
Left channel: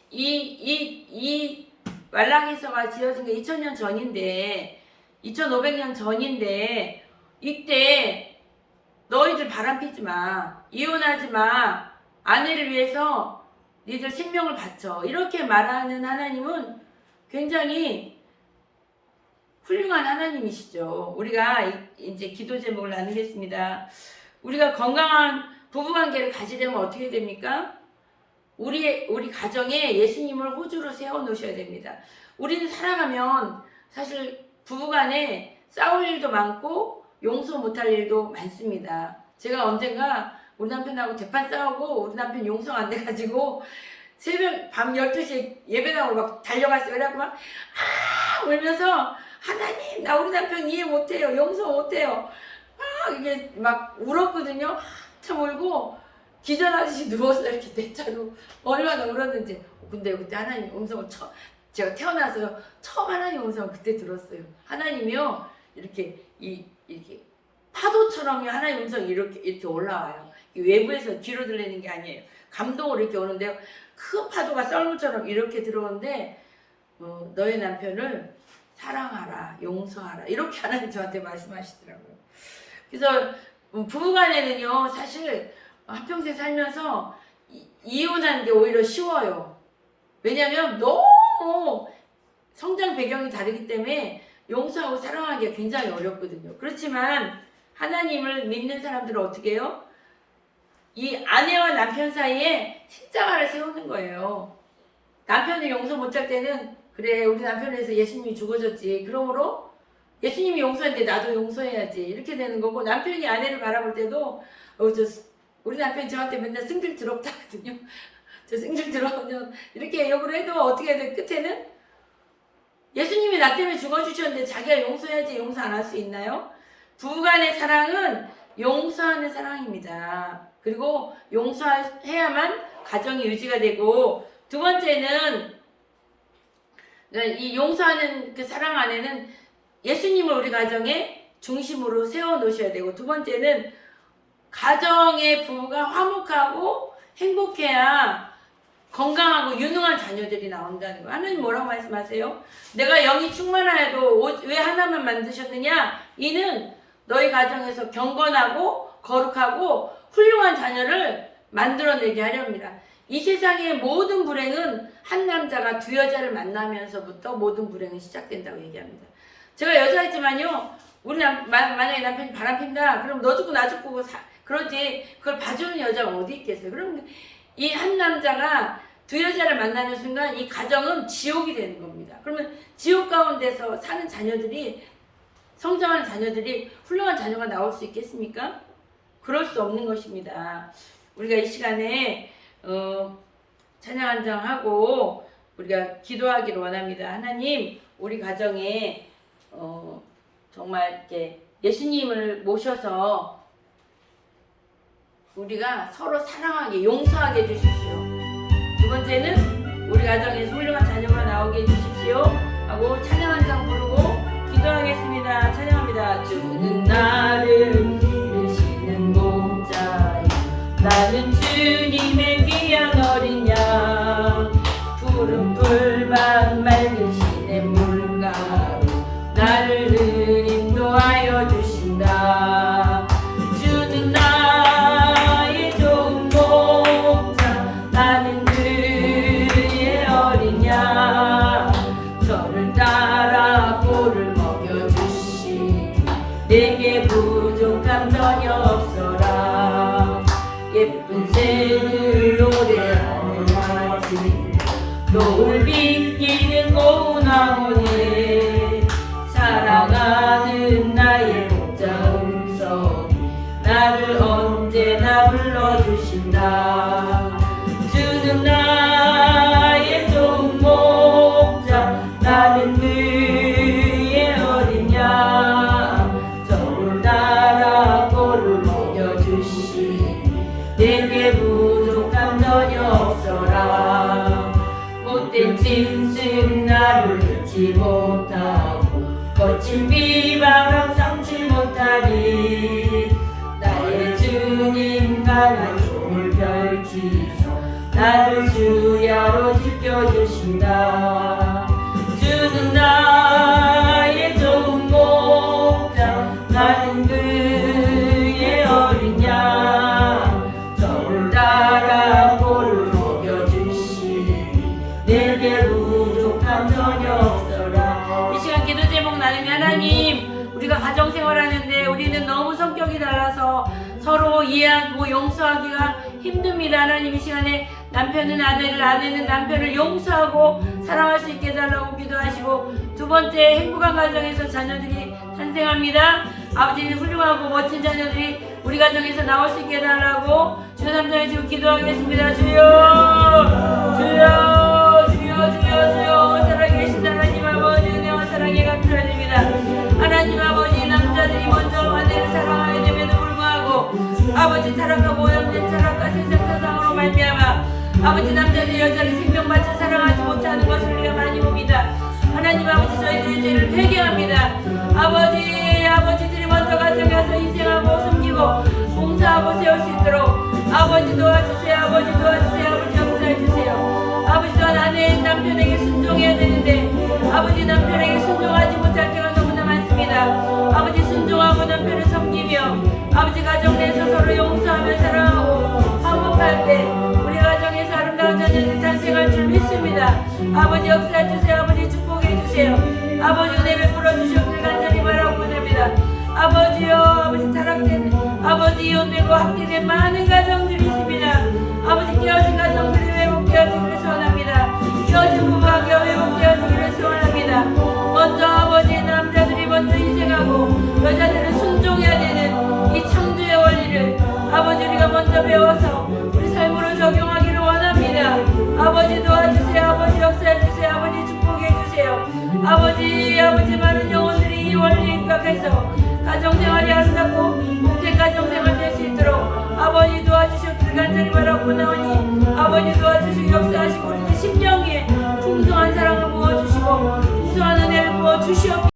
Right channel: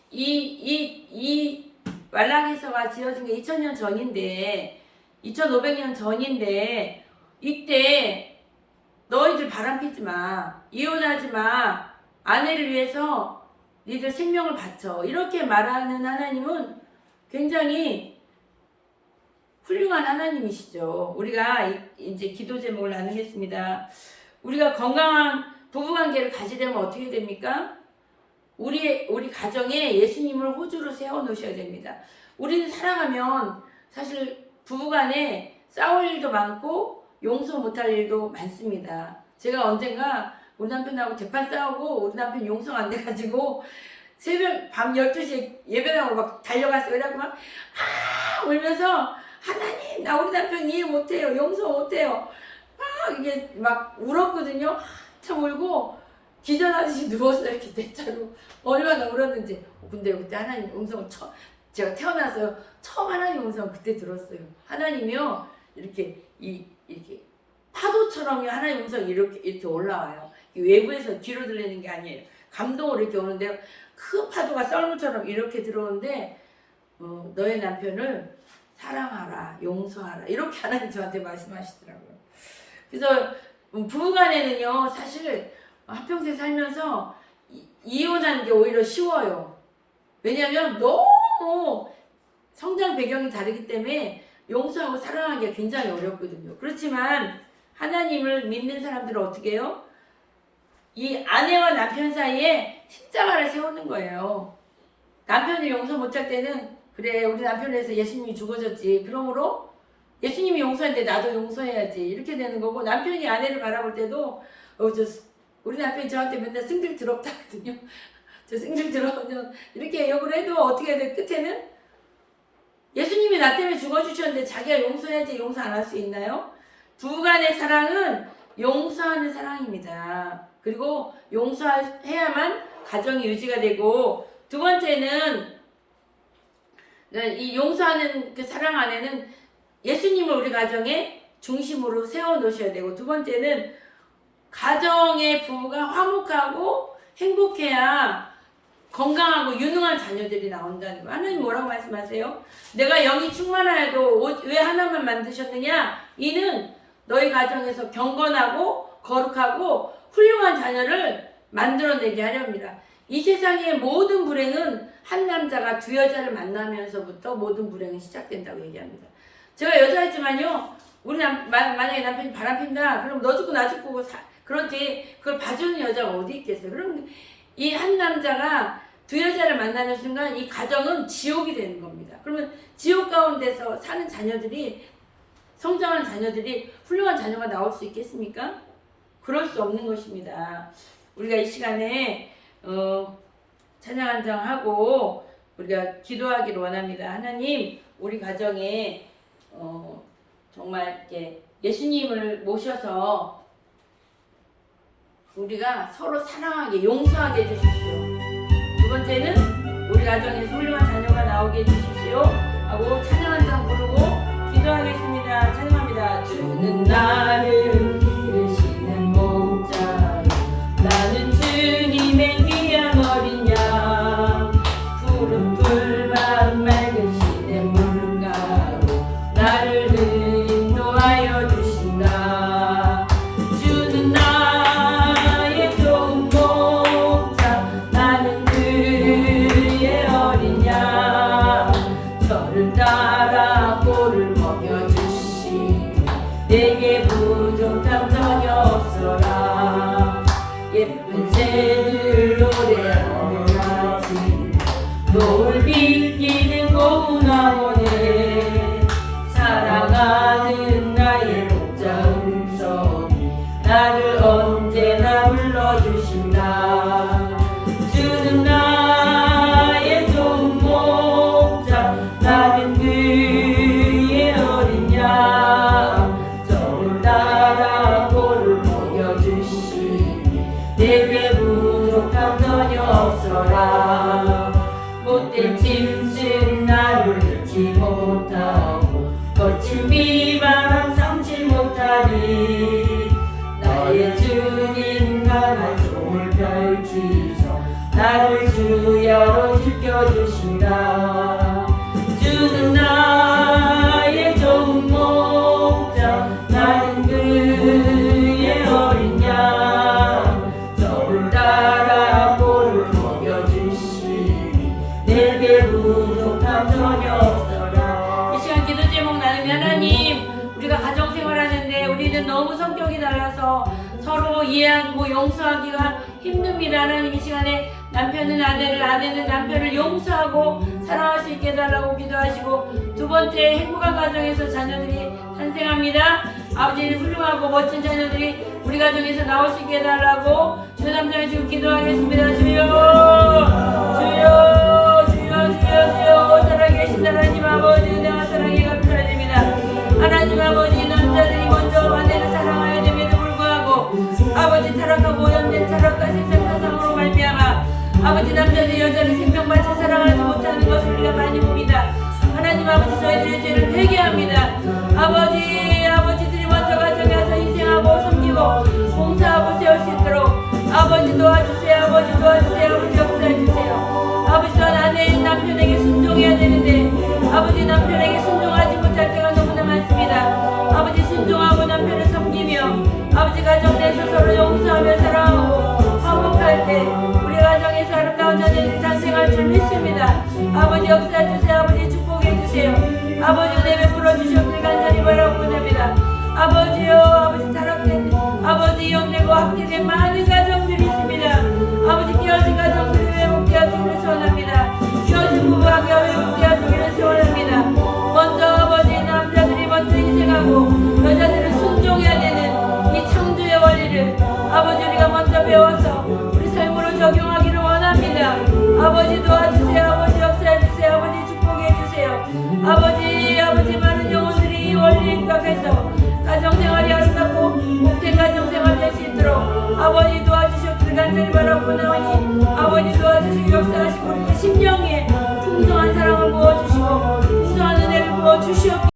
이 말라기서가 지어진 게 2000년 전인데 2500년 전인데 이때 너희들 바람피지 마. 이혼하지 마. 아내를 위해서 니들 생명을 바쳐. 이렇게 말하는 하나님은 굉장히 훌륭한 하나님이시죠. 우리가 이제 기도 제목을 나누겠습니다. 우리가 건강한 부부관계를 가지려면 어떻게 됩니까? 우리 가정에 예수님을 호주로 세워놓으셔야 됩니다. 우리는 살아가면 사실 부부간에 싸울 일도 많고 용서 못할 일도 많습니다. 제가 언젠가 우리 남편하고 대판 싸우고 우리 남편 용서가 안 돼가지고 새벽 밤 12시에 예배당으로 막 달려갔어요. 그래갖고 막 울면서 하나님 나 우리 남편 이해 못해요. 용서 못해요. 막 이게 막 울었거든요. 한참 울고 기절하듯이 누워서 이렇게 대자로 얼마나 울었는지. 근데 그때 하나님 음성을 제가 태어나서 처음 하나님 음성을 그때 들었어요. 하나님이요 이렇게 파도처럼 하나님 음성이 이렇게 올라와요. 외부에서 뒤로 들리는 게 아니에요. 감동으로 이렇게 오는데요. 큰 파도가 썰물처럼 이렇게 들어오는데 너의 남편을 사랑하라, 용서하라 이렇게 하나님 저한테 말씀하시더라고요. 그래서 부부간에는요 사실 한평생 살면서 이혼하는 게 오히려 쉬워요. 왜냐하면 너무 성장 배경이 다르기 때문에 용서하고 사랑하기가 굉장히 어렵거든요. 그렇지만 하나님을 믿는 사람들은 어떻게 해요? 이 아내와 남편 사이에 십자가를 세우는 거예요. 남편이 용서 못할 때는 그래 우리 남편을 위해서 예수님이 죽어졌지. 그러므로 예수님이 용서했는데 나도 용서해야지. 이렇게 되는 거고 남편이 아내를 바라볼 때도 우리 남편이 저한테 맨날 승질 더럽다 하거든요. 저 승질 더러우면 이렇게 욕을 해도 어떻게 돼? 끝에는 예수님이 나 때문에 죽어주셨는데 자기가 용서해야지 용서 안 할 수 있나요? 부부간의 사랑은 용서하는 사랑입니다. 그리고 용서해야만 가정이 유지가 되고 두 번째는 이 용서하는 그 사랑 안에는 예수님을 우리 가정의 중심으로 세워놓으셔야 되고 두 번째는 가정의 부부가 화목하고 행복해야 건강하고 유능한 자녀들이 나온다는 거예요. 하나님 뭐라고 말씀하세요? 내가 영이 충만하여도 왜 하나만 만드셨느냐? 이는 너희 가정에서 경건하고 거룩하고 훌륭한 자녀를 만들어내게 하렵니다. 이 세상의 모든 불행은 한 남자가 두 여자를 만나면서부터 모든 불행은 시작된다고 얘기합니다. 제가 여자이지만요, 만약에 남편이 바람핀다, 그럼 너 죽고 나 죽고 그러지. 그걸 봐주는 여자가 어디 있겠어요? 그럼 이 한 남자가 두 여자를 만나는 순간 이 가정은 지옥이 되는 겁니다. 그러면 지옥 가운데서 사는 자녀들이 성장하는 자녀들이 훌륭한 자녀가 나올 수 있겠습니까? 그럴 수 없는 것입니다. 우리가 이 시간에 찬양 한정하고 우리가 기도하기를 원합니다. 하나님, 우리 가정에 정말 이렇게 예수님을 모셔서 우리가 서로 사랑하게 용서하게 해주십시오. 두 번째는 우리 가정에서 훌륭한 자녀가 나오게 해주십시오 하고 찬양 한 장 부르고 기도하겠습니다. 찬양합니다. 주는 나를 이르시는 목자요, 나는 주님의 귀한 어린 양, 푸른 풀밭 맑은 시냇 물가로 나를 인도하여 주신다. 주는 나의 좋은 목자, 나는 그의 어린 양, 저를 따라 꼴을 먹여주시, 내게 부족함 전혀 없어라. 예쁜 새를 노래하는 아침, 노을 비끼는 고운 황혼에 사랑하는 나의 목자 음성이 나를 언제나 불러주신다. 주는 나의 좋은 목자, 나는 그의 어린 양, 저를 따라 꼴을 먹여주시, 내게 부족함 전혀 없어라. 못된 짐승 나를 잊지 못하고 거친 비방 삼지 못하리. 나의 주님 강한 손을 펼치셔 나를 주야로 지켜주신다. 주는 나의 좋은 목자, 나는 그의 어린 양, 저를 따라 꼴을 먹여주시, 내게 부족함 전혀 없어라. 이 시간 기도 제목 나는 하나님, 우리가 가정생활하는데 우리는 너무 성격이 달라서 서로 이해하고 용서하기가 힘듭니다. 하나님, 이 시간에 남편은 아내를, 아내는 남편을 용서하고 사랑할 수 있게 해달라고 기도하시고, 두 번째, 행복한 가정에서 자녀들이 탄생합니다. 아버지, 훌륭하고 멋진 자녀들이 우리 가정에서 나올 수 있게 해달라고 주 3장에 지금 기도하겠습니다. 주여, 주여, 주여, 주여, 주여. 살아계신 하나님 아버지, 은혜와 사랑에 감사드립니다. 하나님 아버지, 남자들이 먼저 아내를 사랑하여야 됨에도 불구하고 아버지, 타락하고 오염된 철학과 세상 사상으로 말미암아 아버지, 남자들이 여자를 생명 바쳐 사랑하지 못하는 것을 우리가 많이 봅니다. 하나님 아버지, 저희들의 죄를 회개합니다. 아버지들이 먼저 가정에 와서 희생하고 섬기고 봉사하고 세울 수 있도록 아버지 도와주세요. 아버지 도와주세요. 아버지 역사해주세요. 아버지, 또한 아내인 남편에게 순종해야 되는데 아버지, 남편에게 순종하지 못할 때가 너무나 많습니다. 아버지, 순종하고 남편을 섬기며 아버지, 가정 내에서 서로 용서하며 사랑하고 화목할 때 우리 가정에서 아름다운 자녀들이 탄생할 줄 믿습니다. 아버지, 역사해주세요. 아버지, 축복해주세요. 아버지, 은혜 베풀어 주시옵길 간절히 바라고 합니다. 아버지요, 아버지, 타락된 아버지, 이혼되고 학대된 많은 가정들이 있습니다. 아버지, 깨어진 가정들이 회복되어지기를 소원합니다. 깨어진 부부관계가 회복되어지기를 소원합니다. 먼저 아버지, 남자들이 먼저 희생하고 여자들은 순종해야 되는 이 창조의 원리를 아버지, 우리가 먼저 배워서 우리 삶으로 적용하기를 원합니다. 아버지, 도와주세요. 아버지, 역사해주세요. 아버지, 축복해주세요. 아버지, 많은 영혼들이 이 원리에 입각해서 가정생활이 아름답고 복된 가정생활 될 수 있도록 아버지 도와주셨기를 간절히 바라고 나오니 아버지 도와주시고 역사하시고 우리의 심령에 풍성한 사랑을 부어주시고 풍성한 은혜를 부어주시옵기를